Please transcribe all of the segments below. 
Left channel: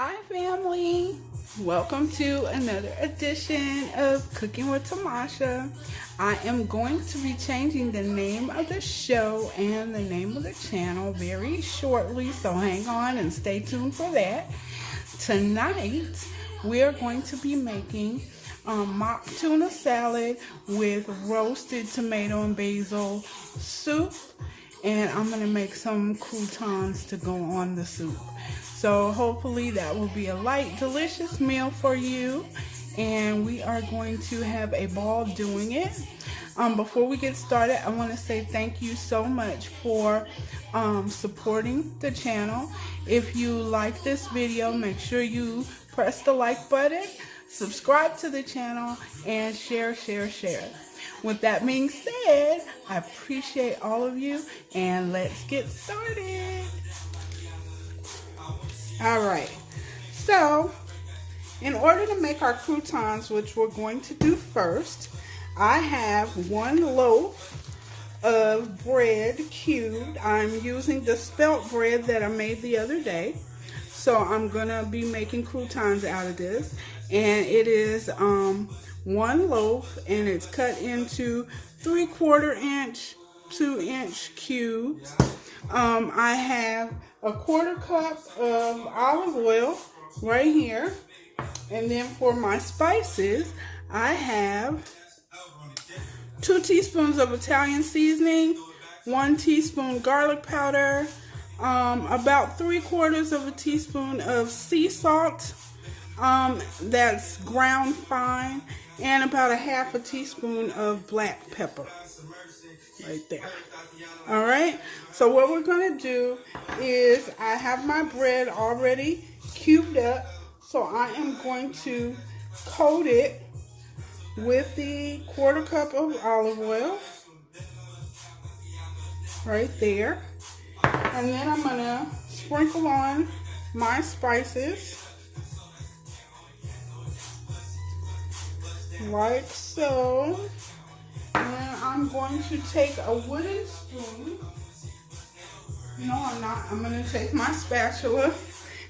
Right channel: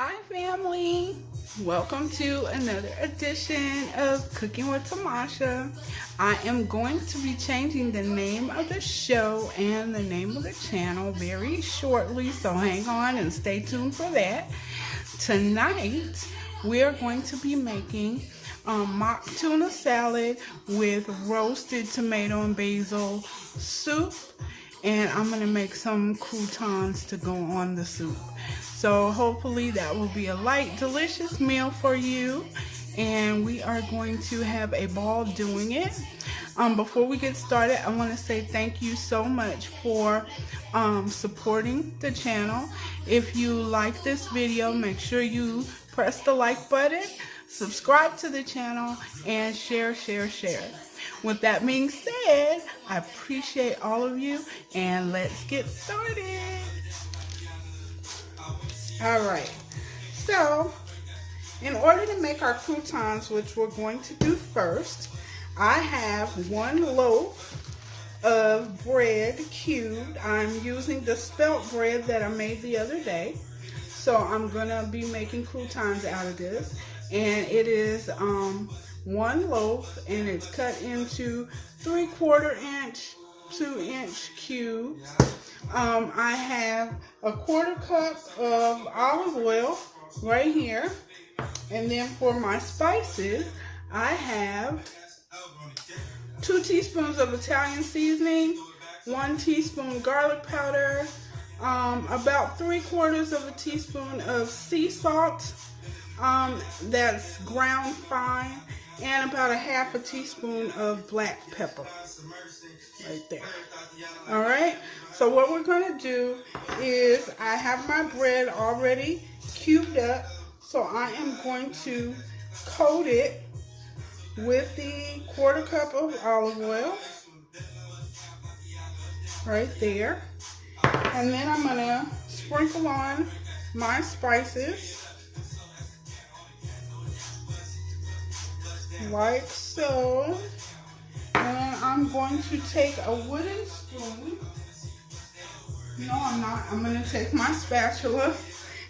Hi family, welcome to another edition of Cooking with Tamasha. I am going to be changing the name of the show and the name of the channel very shortly, so hang on and stay tuned for that. Tonight we are going to be making mock tuna salad with roasted tomato and basil soup, and I'm going to make some croutons to go on the soup. So hopefully that will be a light, delicious meal for you, and we are going to have a ball doing it. Before we get started, I want to say thank you so much for supporting the channel. If you like this video, make sure you press the like button, subscribe to the channel, and share. With that being said, I appreciate all of you, and let's get started. Alright, so in order to make our croutons, which we're going to do first, I have 1 loaf of bread cubed. I'm using the spelt bread that I made the other day. So I'm going to be making croutons out of this. And it is 1 loaf, and it's cut into 3/4 inch, 2-inch cubes. I have a 1/4 cup of olive oil right here. And then for my spices, I have 2 teaspoons of Italian seasoning, 1 teaspoon garlic powder, about 3/4 teaspoon of sea salt, that's ground fine, and about 1/2 teaspoon of black pepper. Right there. Alright, so what we're going to do is I have my bread already cubed up, so I am going to coat it with the 1/4 cup of olive oil right there, and then I'm going to sprinkle on my spices like so. And I'm going to take a wooden spoon. No, I'm not. I'm going to take my spatula,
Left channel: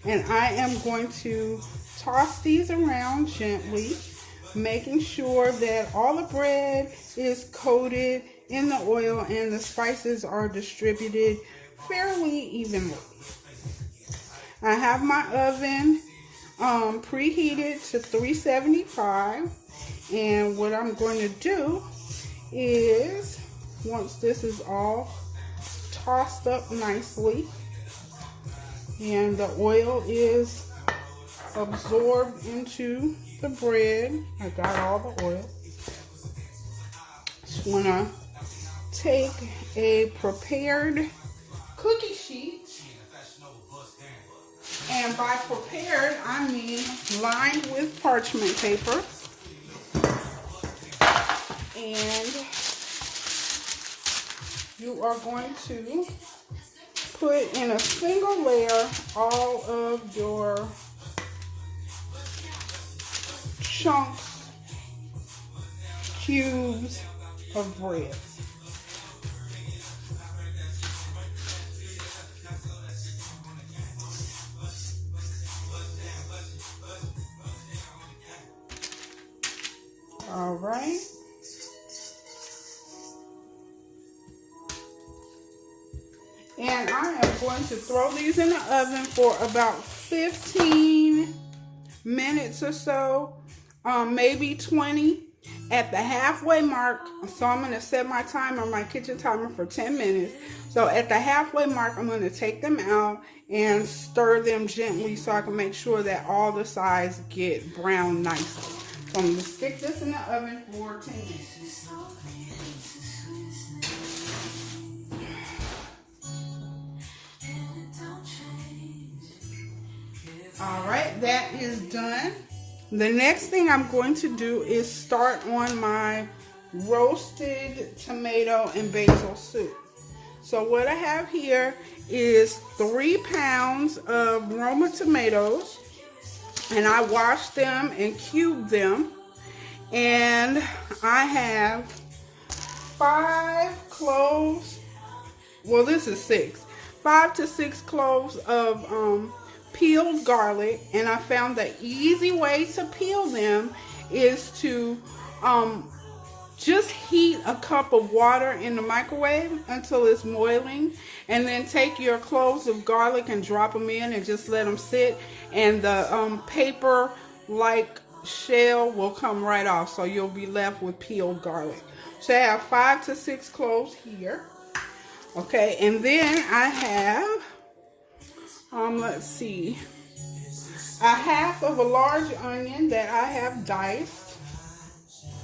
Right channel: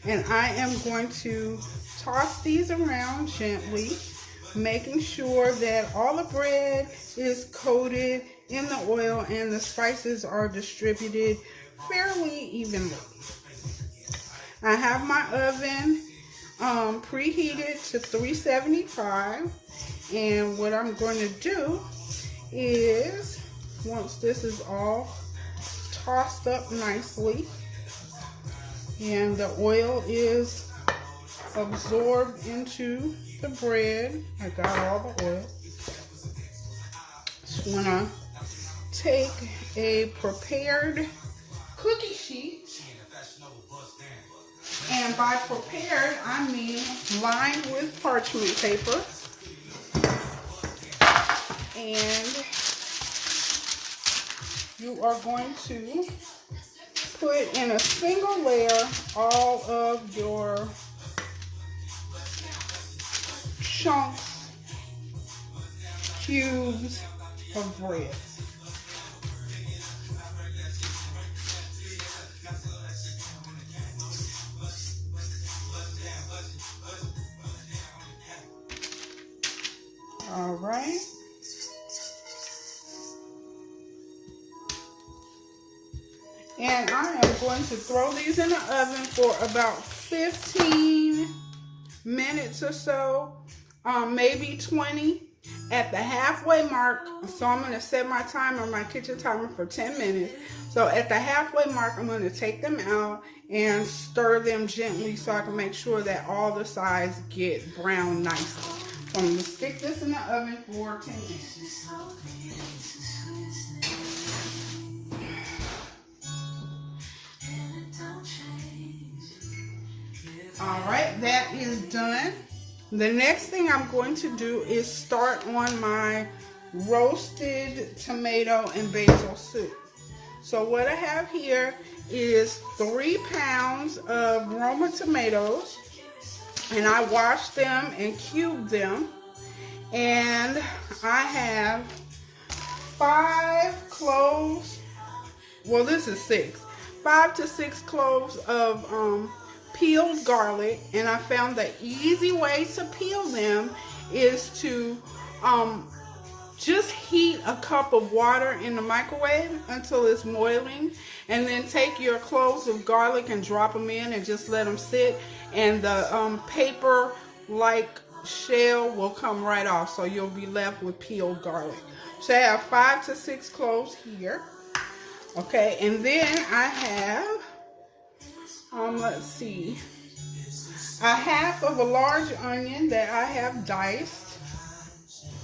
and I am going to toss these around gently, making sure that all the bread is coated in the oil and the spices are distributed fairly evenly. I have my oven preheated to 375, and what I'm going to do is, once this is all tossed up nicely and the oil is absorbed into the bread, I got all the oil. Just want to take a prepared cookie sheet, and by prepared I mean lined with parchment paper. And you are going to put in a single layer all of your chunks, cubes of bread. All right. And I am going to throw these in the oven for about 15 minutes or so, maybe 20 at the halfway mark. So I'm going to set my timer, my kitchen timer, for 10 minutes. So at the halfway mark, I'm going to take them out and stir them gently so I can make sure that all the sides get brown nicely. So I'm going to stick this in the oven for 10 minutes. Alright, that is done. The next thing I'm going to do is start on my roasted tomato and basil soup. So what I have here is 3 pounds of Roma tomatoes, and I washed them and cubed them, and I have 5 cloves, well this is 6, 5 to 6 cloves of peeled garlic, and I found the easy way to peel them is to just heat a cup of water in the microwave until it's boiling, and then take your cloves of garlic and drop them in and just let them sit, and the paper like shell will come right off, so you'll be left with peeled garlic. So I have 5 to 6 cloves here. Okay, and then I have let's see, a half of a large onion that I have diced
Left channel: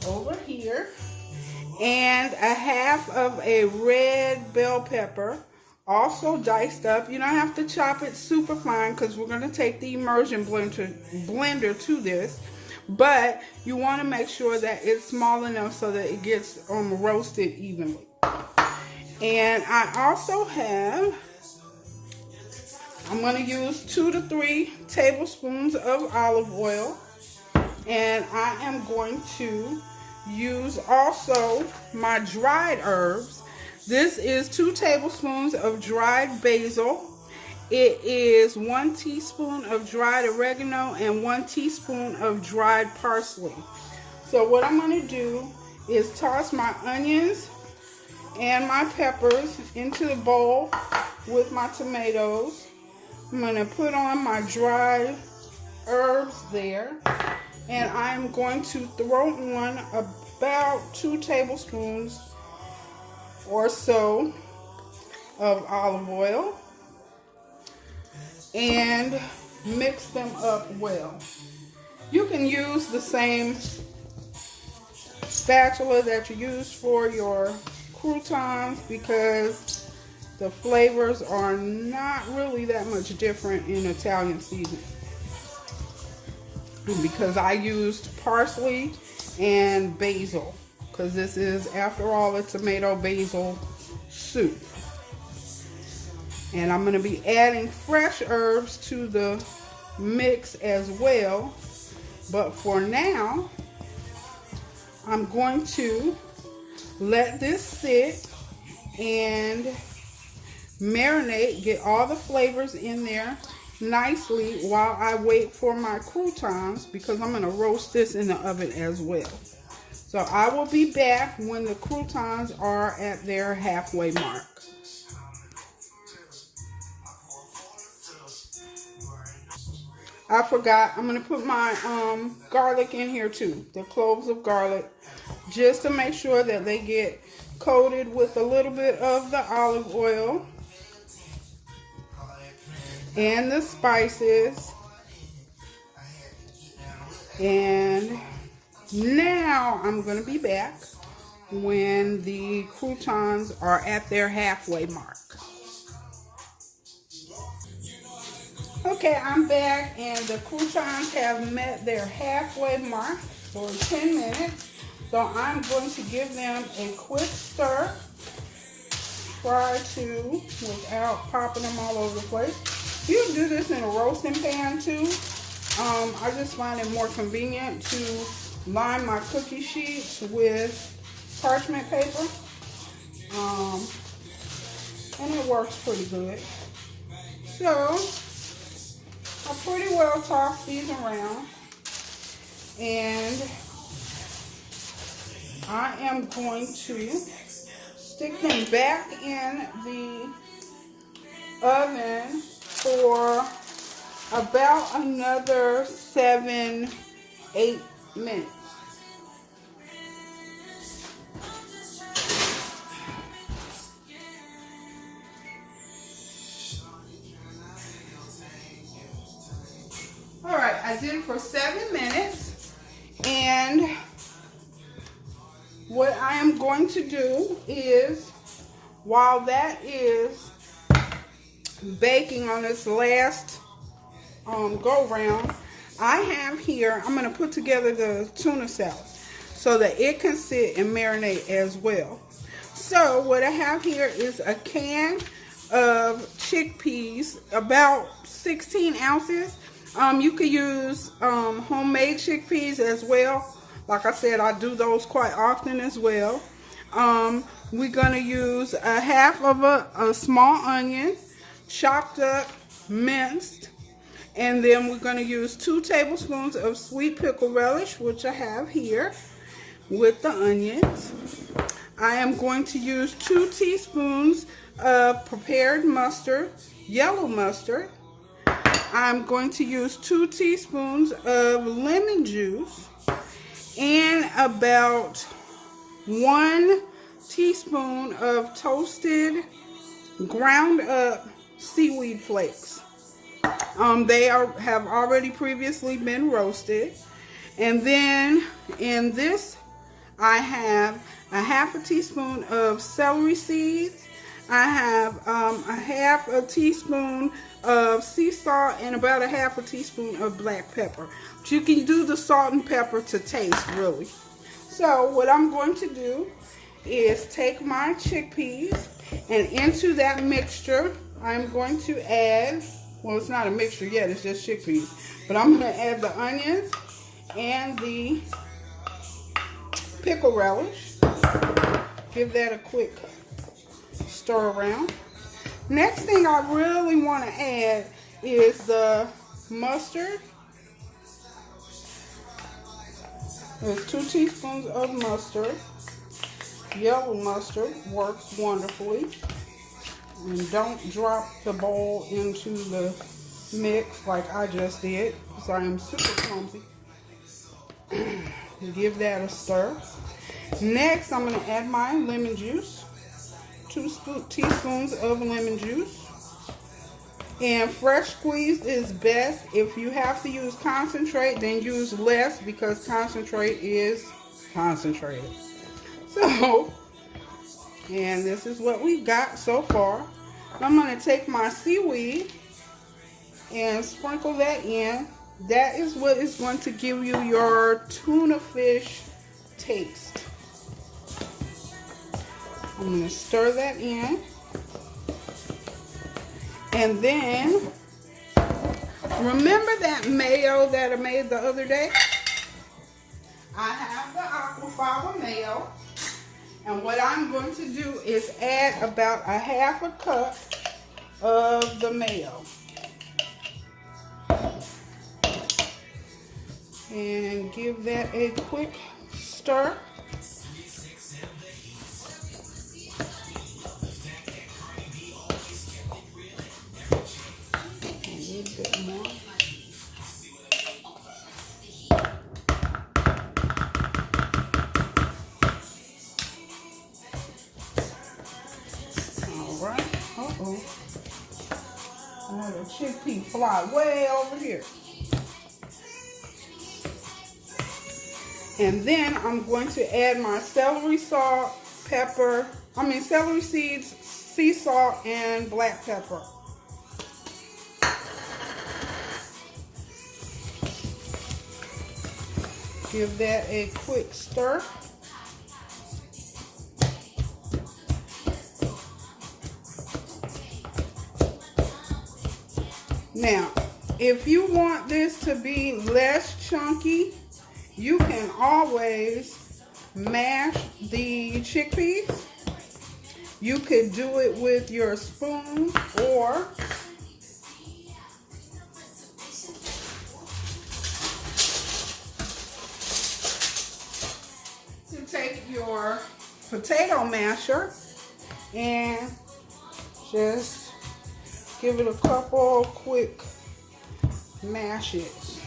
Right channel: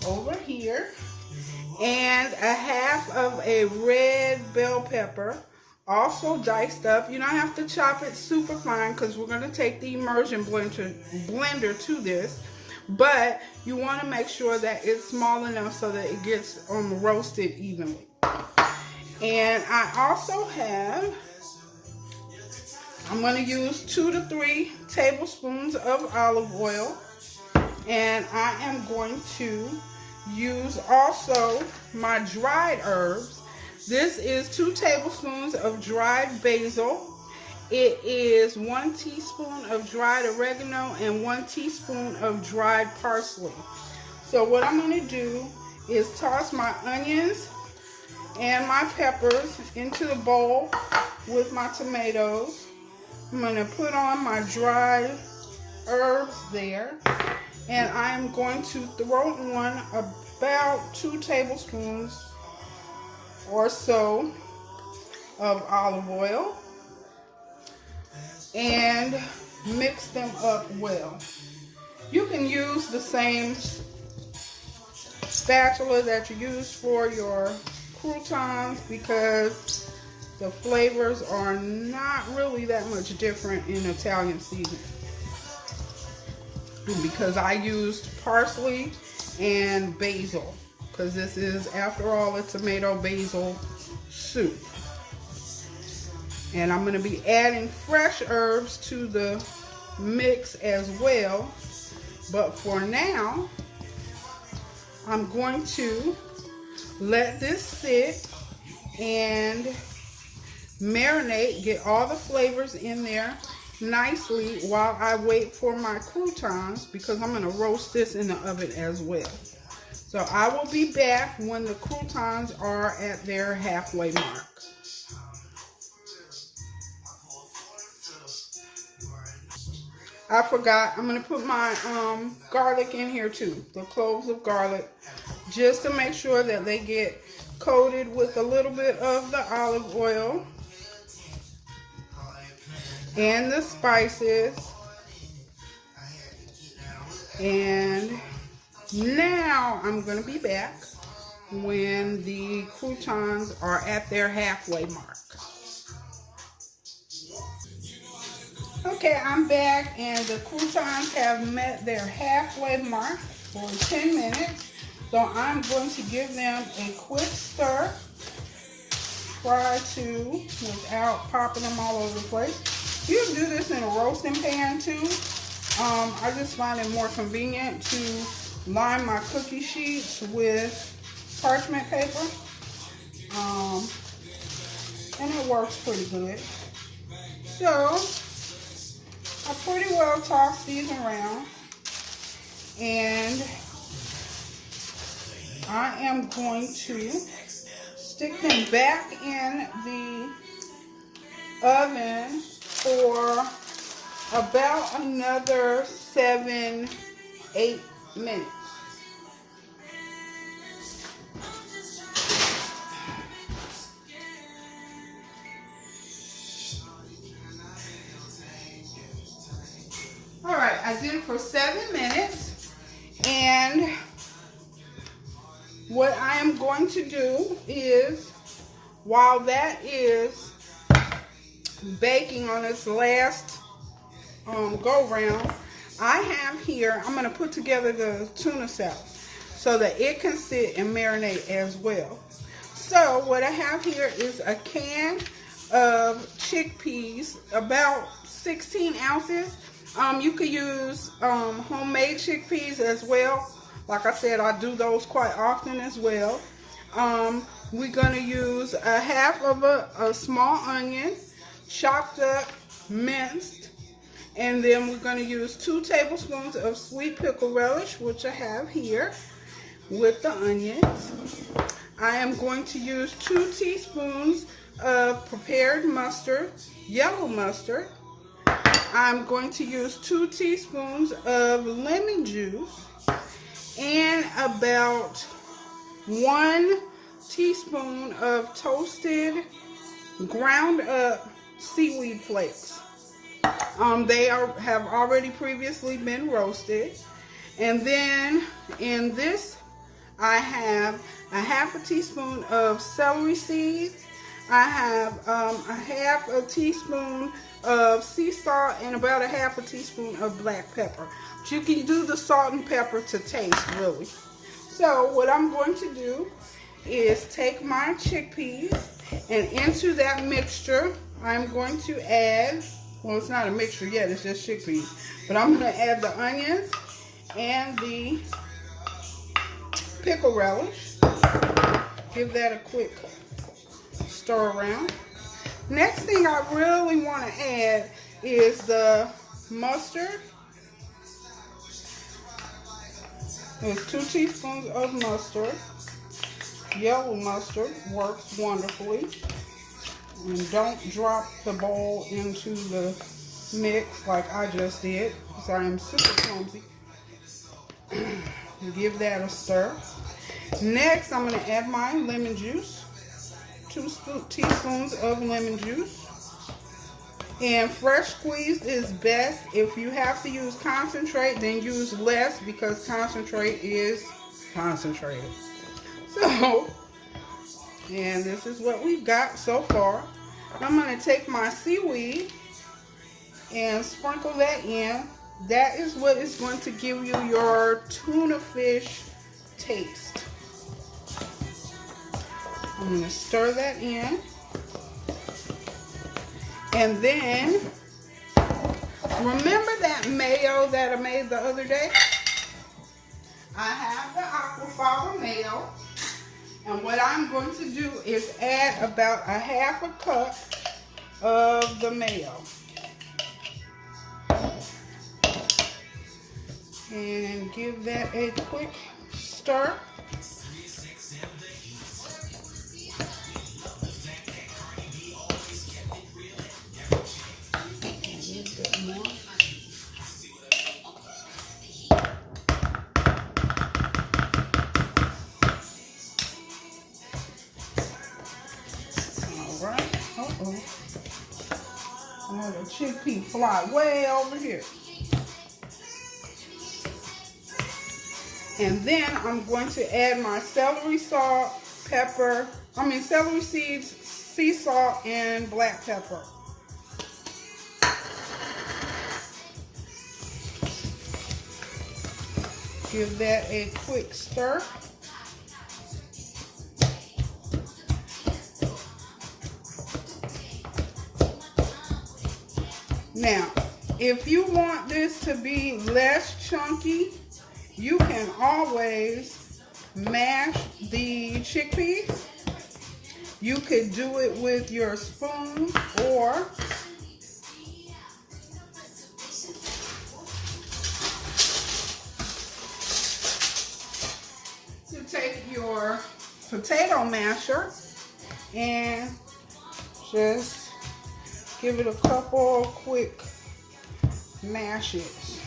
over here, and a half of a red bell pepper also diced up. You don't have to chop it super fine because we're going to take the immersion blender to this, but you want to make sure that it's small enough so that it gets roasted evenly. And I also have, I'm going to use 2 to 3 tablespoons of olive oil, and I am going to use also my dried herbs. This is 2 tablespoons of dried basil. It is 1 teaspoon of dried oregano and 1 teaspoon of dried parsley. So what I'm going to do is toss my onions and my peppers into the bowl with my tomatoes. I'm going to put on my dried herbs there, and I'm going to throw on about 2 tablespoons or so of olive oil and mix them up well. You can use the same spatula that you use for your croutons because the flavors are not really that much different in Italian seasoning. Because I used parsley and basil, because this is, after all, a tomato basil soup. And I'm going to be adding fresh herbs to the mix as well. But for now, I'm going to let this sit and marinate, get all the flavors in there nicely while I wait for my croutons, because I'm going to roast this in the oven as well. So I will be back when the croutons are at their halfway mark. I forgot, I'm going to put my garlic in here too, the cloves of garlic, just to make sure that they get coated with a little bit of the olive oil and the spices. And now I'm going to be back when the croutons are at their halfway mark. Okay, I'm back, and the croutons have met their halfway mark for 10 minutes. So I'm going to give them a quick stir. Try to, without popping them all over the place. You can do this in a roasting pan too. I just find it more convenient to line my cookie sheets with parchment paper. And it works pretty good. So I pretty well toss these around, and I am going to stick them back in the oven for about another 7-8 minutes. All right, I did it for 7 minutes, and what I am going to do is, while that is baking on this last go round, I have here, I'm going to put together the tuna sauce so that it can sit and marinate as well. So what I have here is a can of chickpeas, about 16 ounces. You could use homemade chickpeas as well. Like I said, I do those quite often as well. We're going to use a half of a small onion, chopped up, minced, And then we're going to use 2 tablespoons of sweet pickle relish, which I have here, with the onions. I am going to use 2 teaspoons of prepared mustard, yellow mustard. I'm going to use 2 teaspoons of lemon juice and about 1 teaspoon of toasted, ground up seaweed flakes. They have already previously been roasted. And then in this, I have a half a teaspoon of celery seeds. I have a half a teaspoon of sea salt and about a half a teaspoon of black pepper. But you can do the salt and pepper to taste, really. So what I'm going to do is take my chickpeas, and into that mixture, I'm going to add, well, it's not a mixture yet, it's just chickpeas. But I'm going to add the onions and the pickle relish. Give that a quick stir around. Next thing I really want to add is the mustard. There's 2 teaspoons of mustard. Yellow mustard works wonderfully. And don't drop the bowl into the mix like I just did, because I am super clumsy. Give that a stir. Next, I'm going to add my lemon juice. 2 teaspoons of lemon juice. And fresh squeezed is best. If you have to use concentrate, then use less, because concentrate is concentrated. So, and this is what we've got so far. I'm going to take my seaweed and sprinkle that in. That is what is going to give you your tuna fish taste. I'm going to stir that in. And then, remember that mayo that I made the other day? I have the aquafaba mayo. And what I'm going to do is add about a half a cup of the mayo. And give that a quick stir. A little bit more. All right. Uh-oh. I have a chickpea fly way over here. And then I'm going to add my celery salt, celery seeds, sea salt, and black pepper. Give that a quick stir. Now, if you want this to be less chunky, you can always mash the chickpeas. You could do it with your spoon, or you take your potato masher and just give it a couple quick mashes.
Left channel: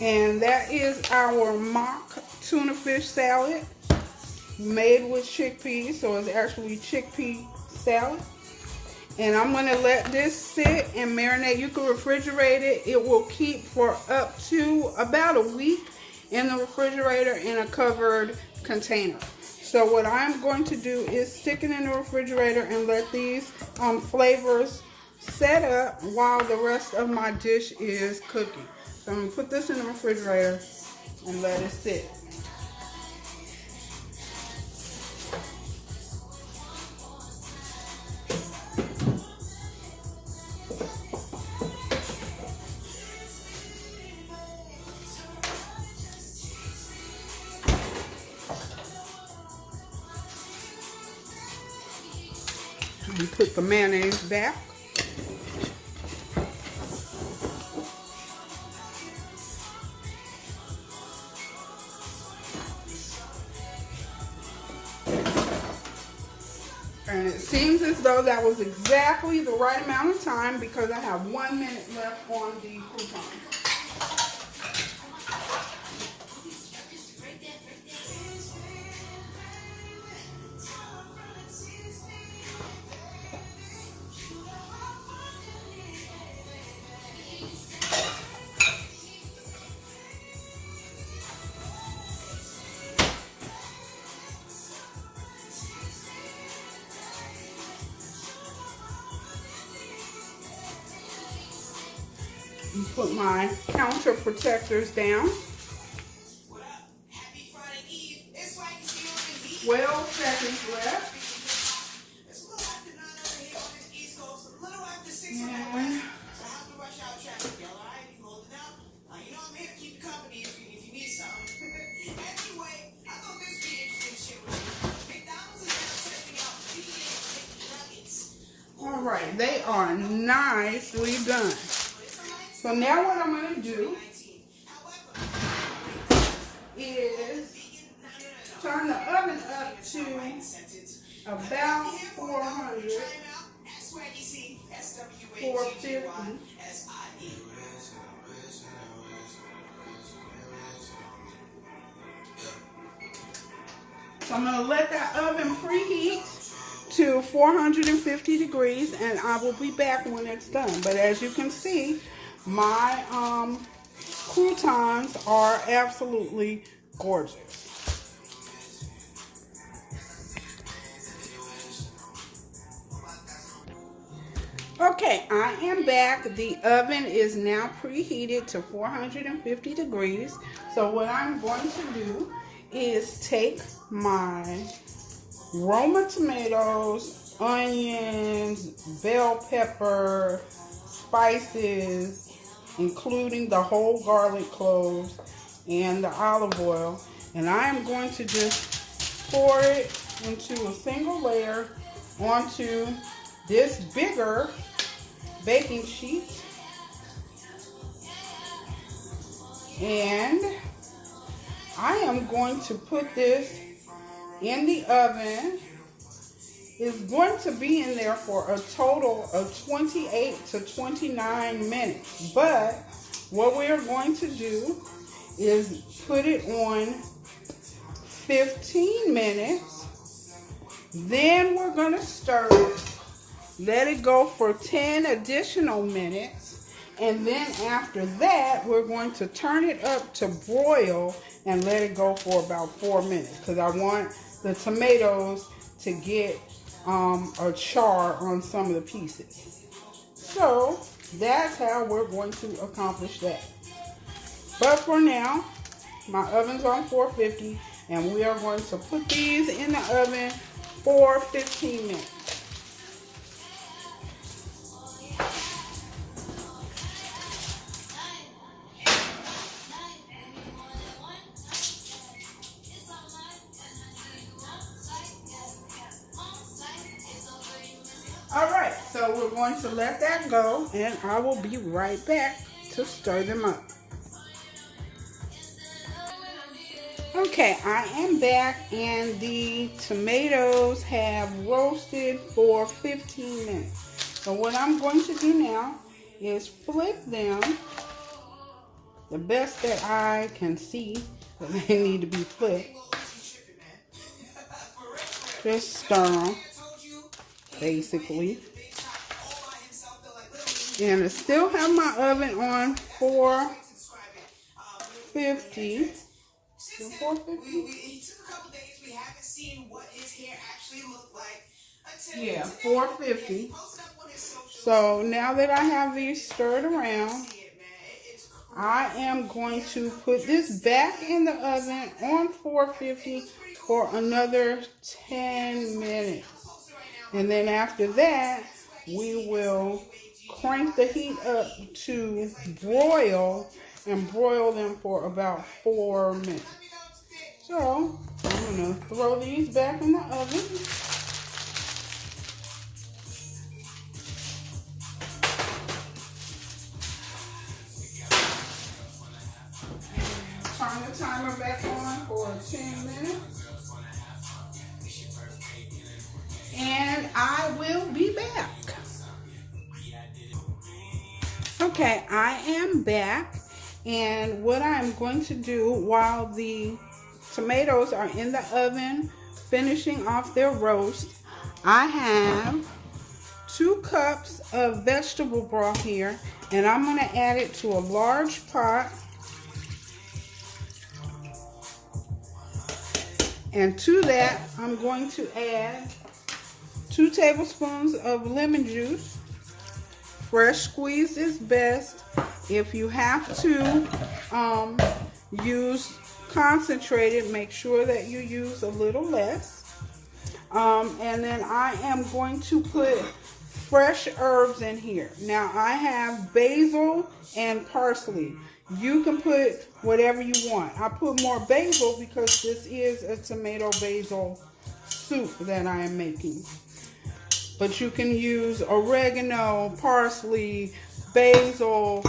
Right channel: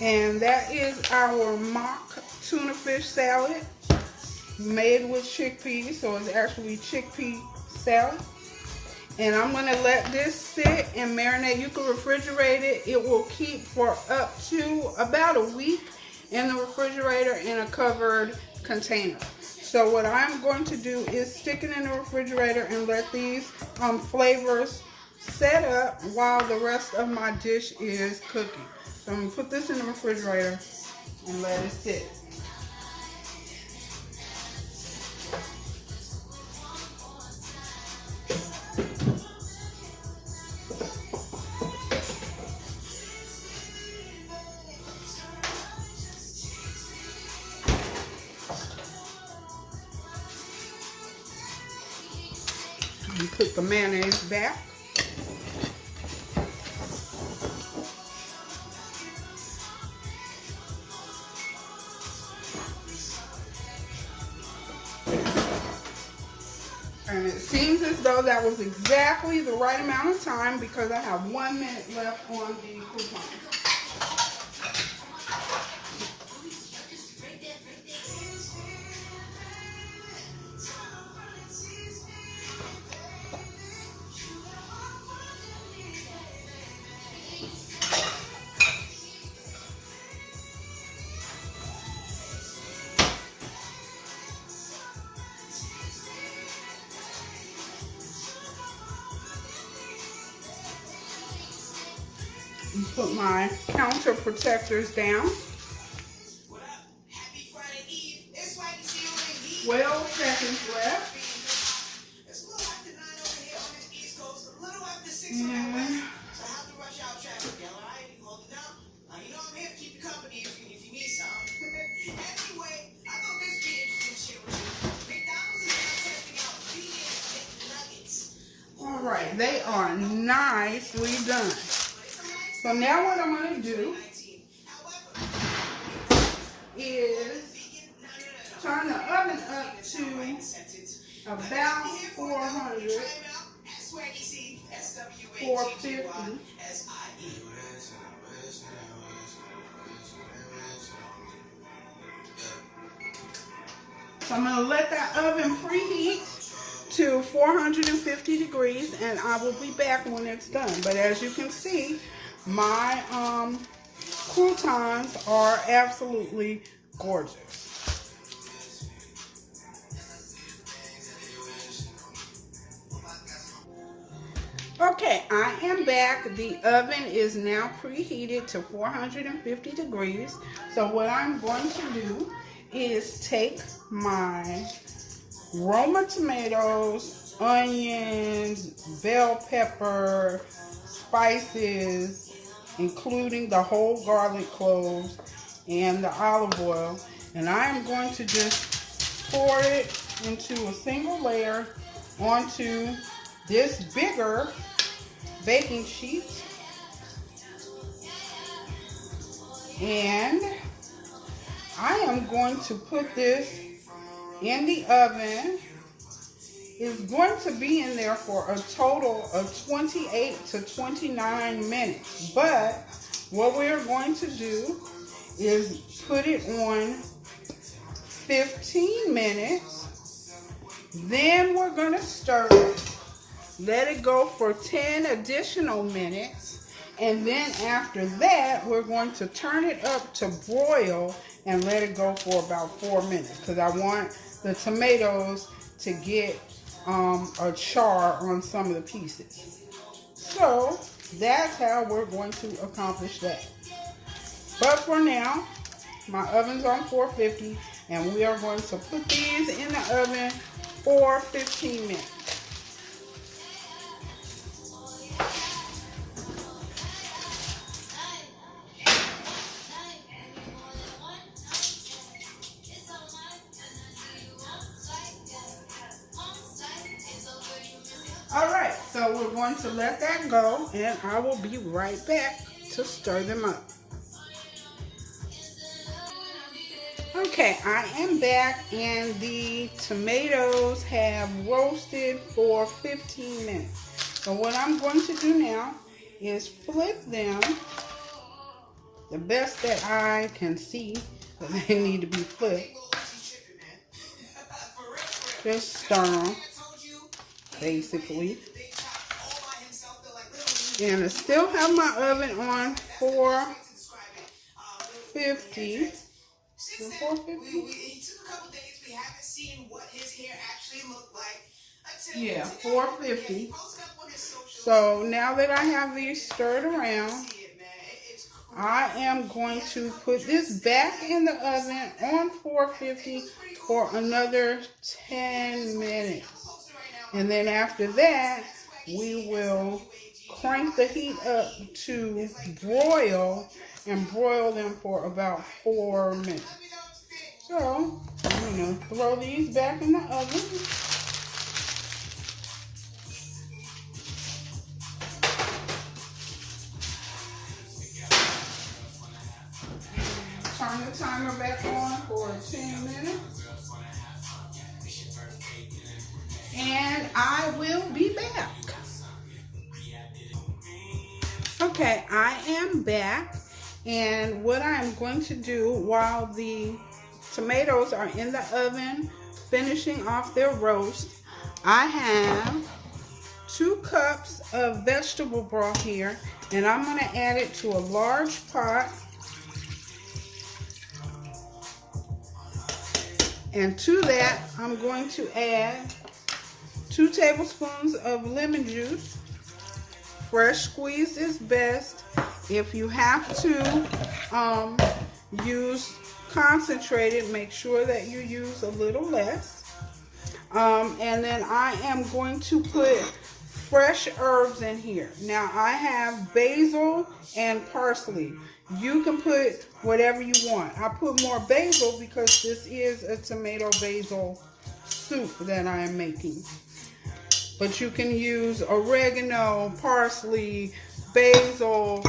And that is our mock tuna fish salad made with chickpeas. So it's actually chickpea salad. And I'm going to let this sit and marinate. You can refrigerate it. It will keep for up to about a week in the refrigerator in a covered container. So what I'm going to do is stick it in the refrigerator and let these flavors set up while the rest of my dish is cooking. So I'm going to put this in the refrigerator and let it sit. and put the mayonnaise back. And it seems as though that was exactly the right amount of time because I have 1 minute left on the croutons. Put my counter protectors down. 12 seconds left. And all right, they are nicely done. So now what I'm going to do is turn the oven up to about 400, 450. So I'm going to let that oven preheat to 450 degrees and I will be back when it's done. But as you can see, my croutons are absolutely gorgeous. Okay, I am back. The oven is now preheated to 450 degrees. So what I'm going to do is take my Roma tomatoes, onions, bell pepper, spices, including the whole garlic cloves and the olive oil, and I am going to just pour it into a single layer onto this bigger baking sheet, and I am going to put this in the oven. It's going to be in there for a total of 28 to 29 minutes. But what we're going to do is put it on 15 minutes. Then we're going to stir it. Let it go for 10 additional minutes. And then after that, we're going to turn it up to broil and let it go for about 4 minutes. Because I want the tomatoes to get a char on some of the pieces. So that's how we're going to accomplish that. But for now, my oven's on 450 and we are going to put these in the oven for 15 minutes. Alright, so we're going to let that go and I will be right back to stir them up. Okay, I am back and the tomatoes have roasted for 15 minutes. So what I'm going to do now is flip them the best that I can see that they need to be flipped. Just stir them, basically. And I still have my oven on 450. 450? Yeah, 450. So now that I have these stirred around, I am going to put this back in the oven on 450 for another 10 minutes. And then after that, we will crank the heat up to broil and broil them for about 4 minutes. So I'm going to throw these back in the oven. will be back. Okay, I am back, and what I'm going to do while the tomatoes are in the oven finishing off their roast, I have 2 cups of vegetable broth here, and I'm going to add it to a large pot. And to that, I'm going to add 2 tablespoons of lemon juice. Fresh squeezed is best. If you have to use concentrated, make sure that you use a little less. And then I am going to put fresh herbs in here. Now I have basil and parsley. You can put whatever you want. I put more basil because this is a tomato basil soup that I am making. But you can use oregano, parsley, basil,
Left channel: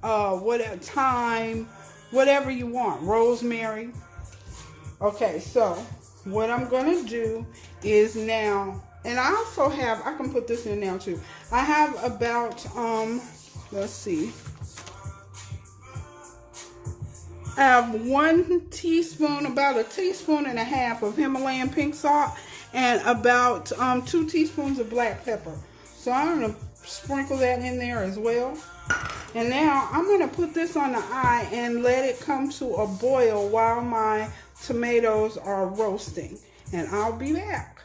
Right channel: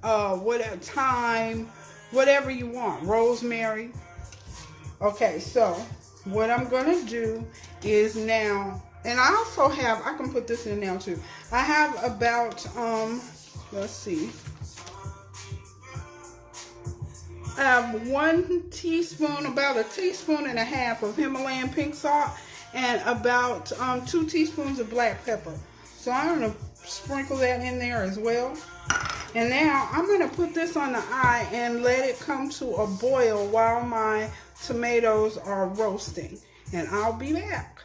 thyme, whatever you want, rosemary. Okay, so what I'm going to do is now, and I also have, I can put this in now too. I have about, let's see. I have 1 teaspoon, about a teaspoon and a half of Himalayan pink salt, and about 2 teaspoons of black pepper. So I'm going to sprinkle that in there as well. And now I'm going to put this on the eye and let it come to a boil while my tomatoes are roasting. And I'll be back.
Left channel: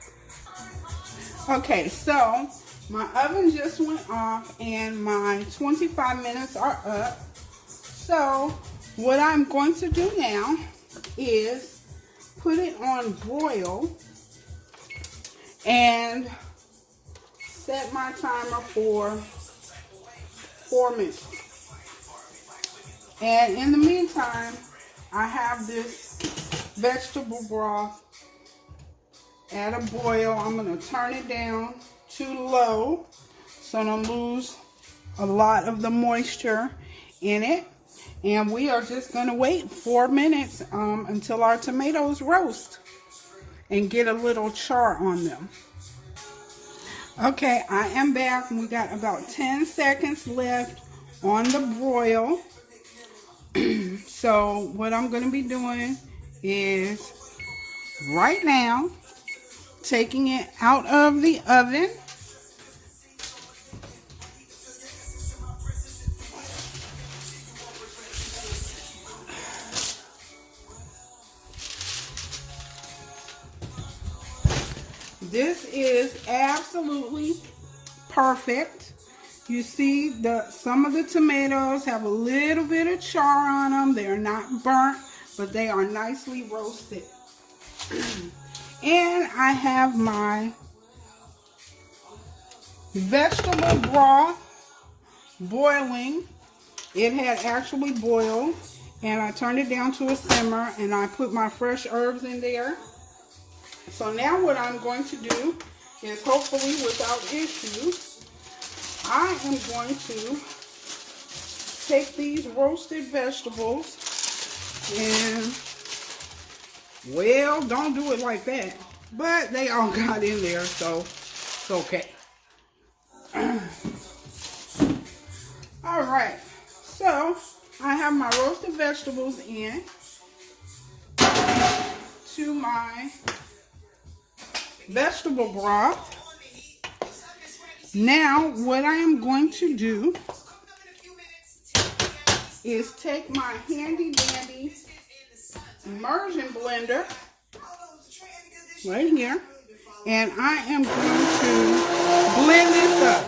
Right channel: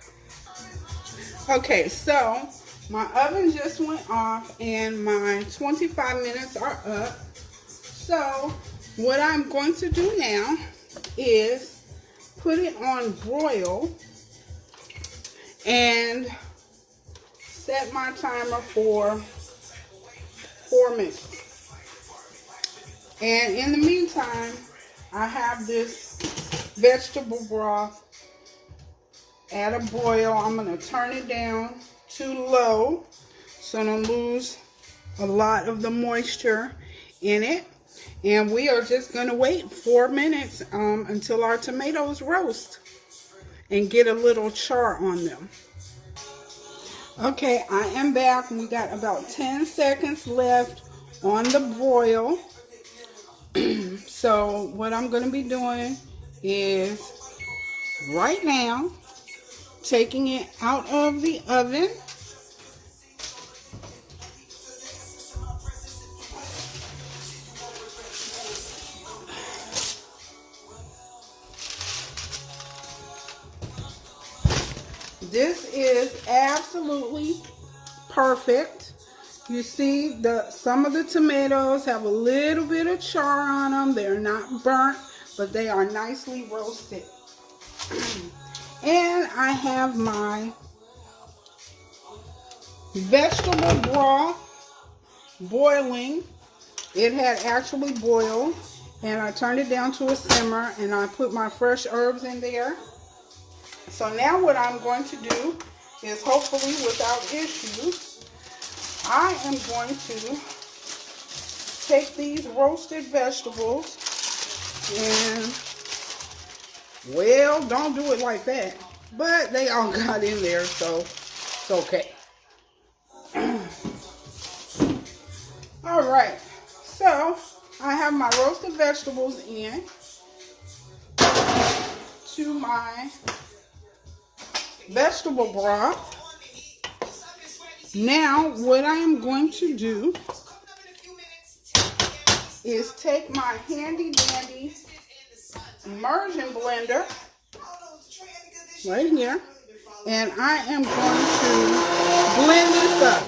Okay, so my oven just went off and my 25 minutes are up. So what I'm going to do now is put it on broil and set my timer for 4 minutes. And in the meantime, I have this vegetable broth at a boil. I'm going to turn it down to low so I don't lose a lot of the moisture in it. And we are just going to wait 4 minutes until our tomatoes roast and get a little char on them. Okay, I am back. We got about 10 seconds left on the broil. So what I'm going to be doing is right now taking it out of the oven. This is absolutely perfect. You see, some of the tomatoes have a little bit of char on them. They're not burnt, but they are nicely roasted. And I have my vegetable broth boiling. It had actually boiled, and I turned it down to a simmer, and I put my fresh herbs in there. So now what I'm going to do is, hopefully without issues, I am going to take these roasted vegetables and, well, don't do it like that, but they all got in there, so it's okay. All right, so I have my roasted vegetables in to my vegetable broth. Now what I am going to do is take my handy dandy immersion blender right here, and I am going to blend this up.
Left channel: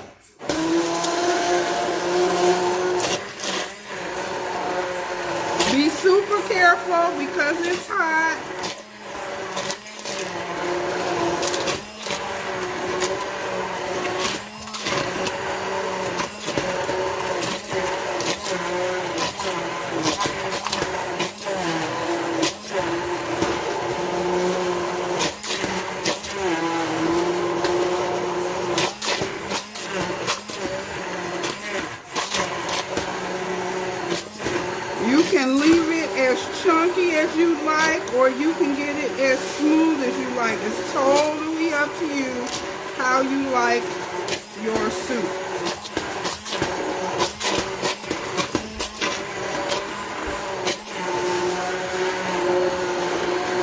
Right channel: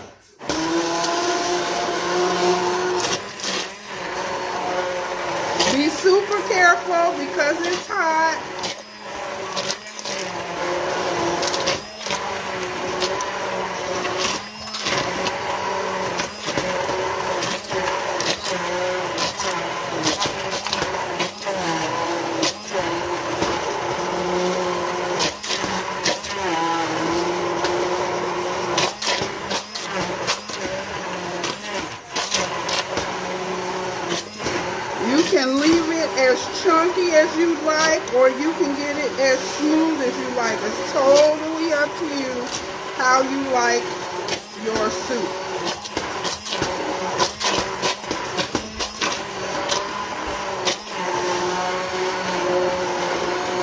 Be super careful because it's hot. As you like, or you can get it as smooth as you like. It's totally up to you how you like your soup.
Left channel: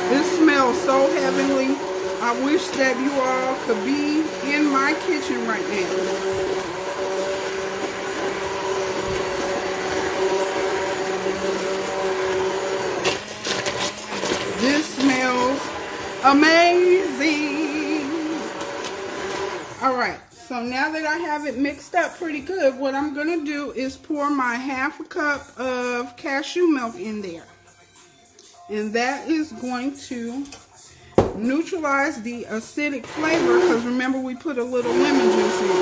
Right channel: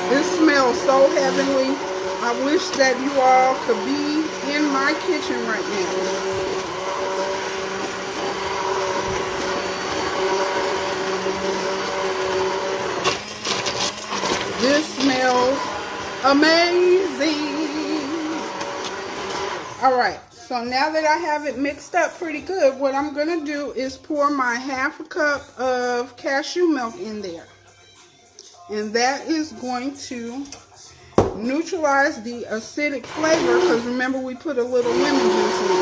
This smells so heavenly. I wish that you all could be in my kitchen right now. This smells amazing. All right, so now that I have it mixed up pretty good, what I'm gonna do is pour my ½ a cup of cashew milk in there. And that is going to neutralize the acidic flavor, because remember we put a little lemon juice in it.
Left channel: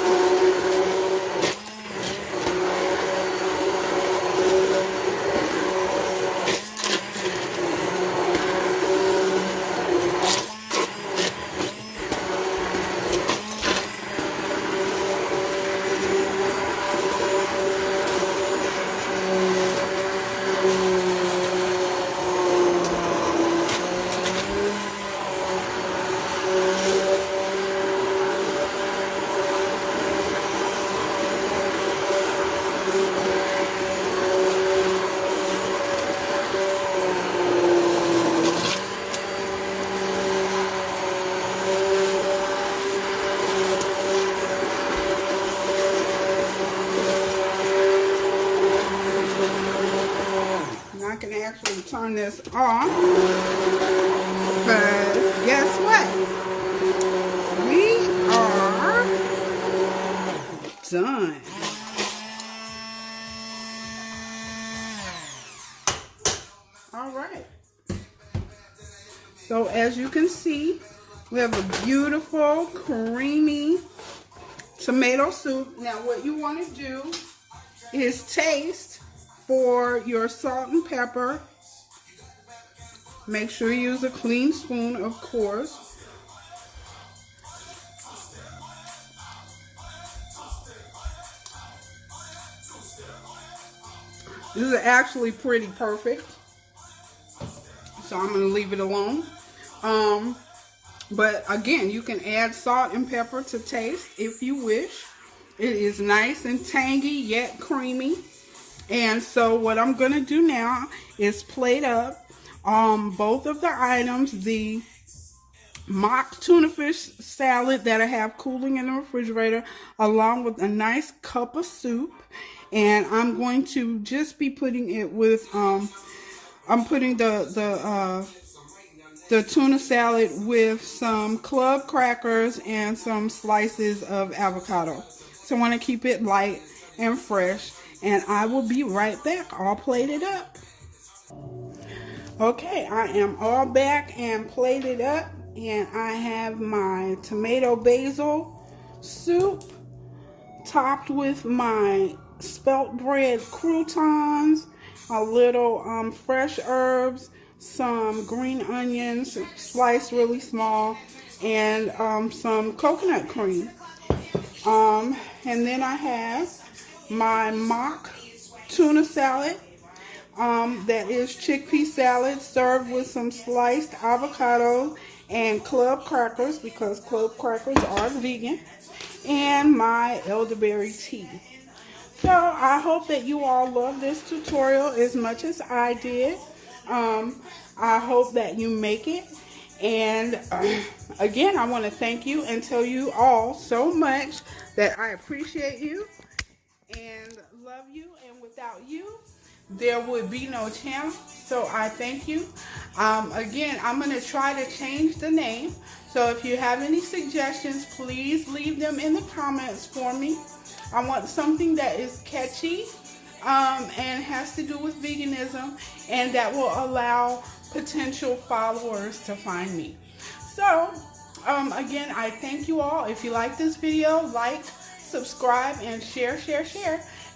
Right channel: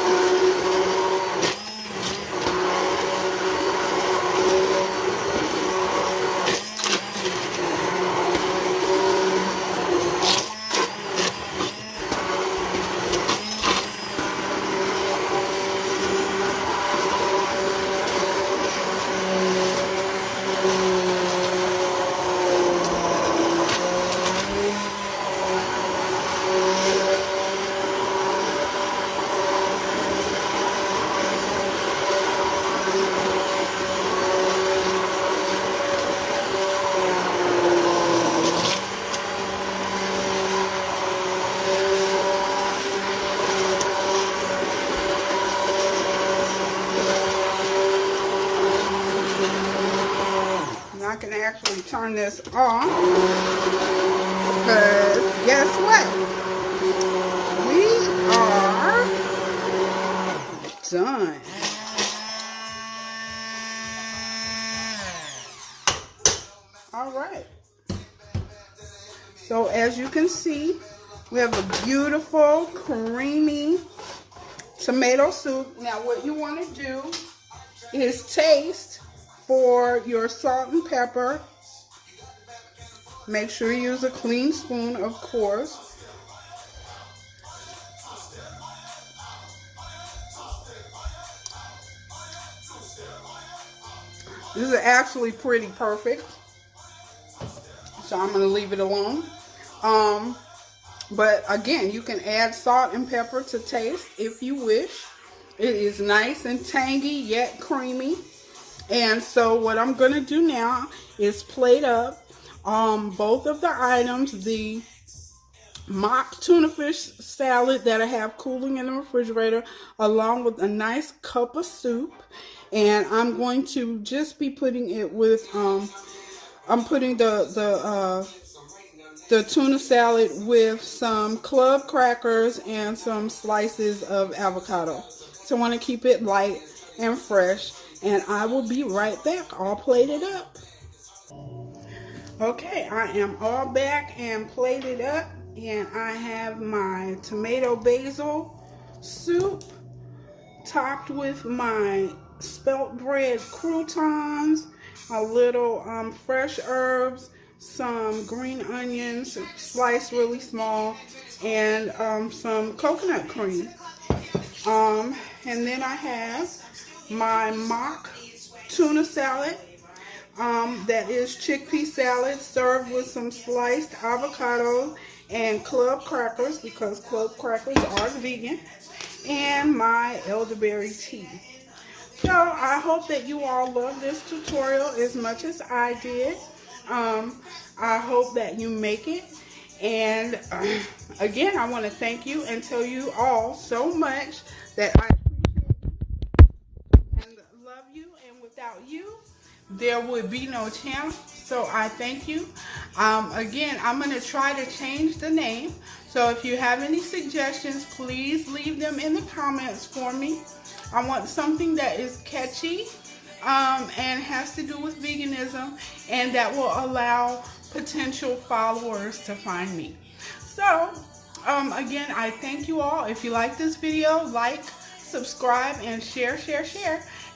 I can actually turn this on, because guess what? We are done. All right. So as you can see, we have a beautiful, creamy tomato soup. Now what you want to do is taste for your salt and pepper. Make sure you use a clean spoon, of course. This is actually pretty perfect, so I'm going to leave it alone. But again, you can add salt and pepper to taste if you wish. It is nice and tangy yet creamy. And so what I'm going to do now is plate up both of the items, the mock tuna fish salad that I have cooling in the refrigerator, along with a nice cup of soup. And I'm going to just be putting it with, I'm putting the tuna salad with some club crackers and some slices of avocado. So I want to keep it light and fresh. And I will be right back, all plated up. Okay, I am all back and plated up. And I have my tomato basil soup topped with my spelt bread croutons, a little fresh herbs, some green onions sliced really small, and some coconut cream. And then I have my mock tuna salad that is chickpea salad served with some sliced avocado and club crackers, because club crackers are vegan, and my elderberry tea. So I hope that you all love this tutorial as much as I did. I hope that you make it. And again, I want to thank you and tell you all so much that I appreciate you and love you. And without you, there would be no channel. So I thank you. Again, I'm going to try to change the name. So if you have any suggestions, please leave them in the comments for me. I want something that is catchy and has to do with veganism, and that will allow potential followers to find me. So again, I thank you all. If you like this video, like, subscribe, and share.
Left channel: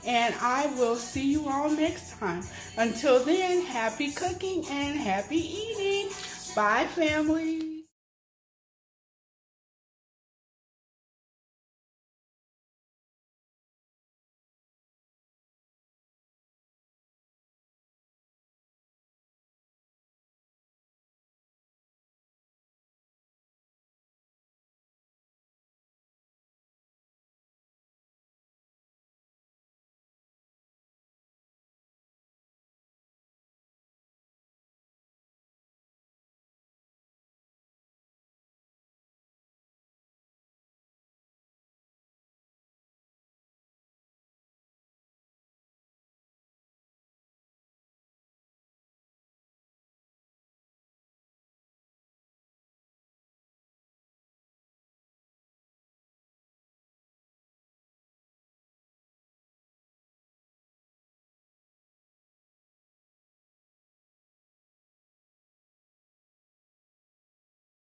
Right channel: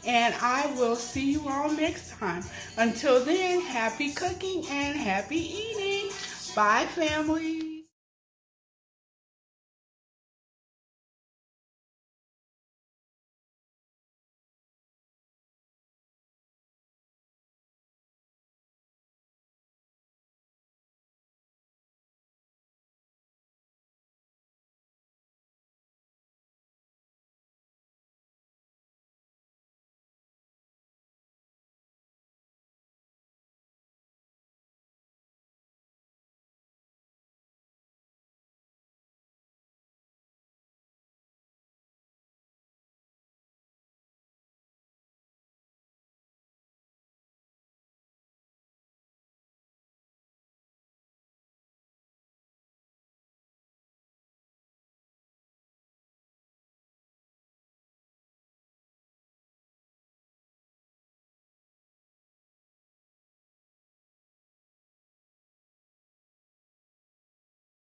And I will see you all next time. Until then, happy cooking and happy eating. Bye, family.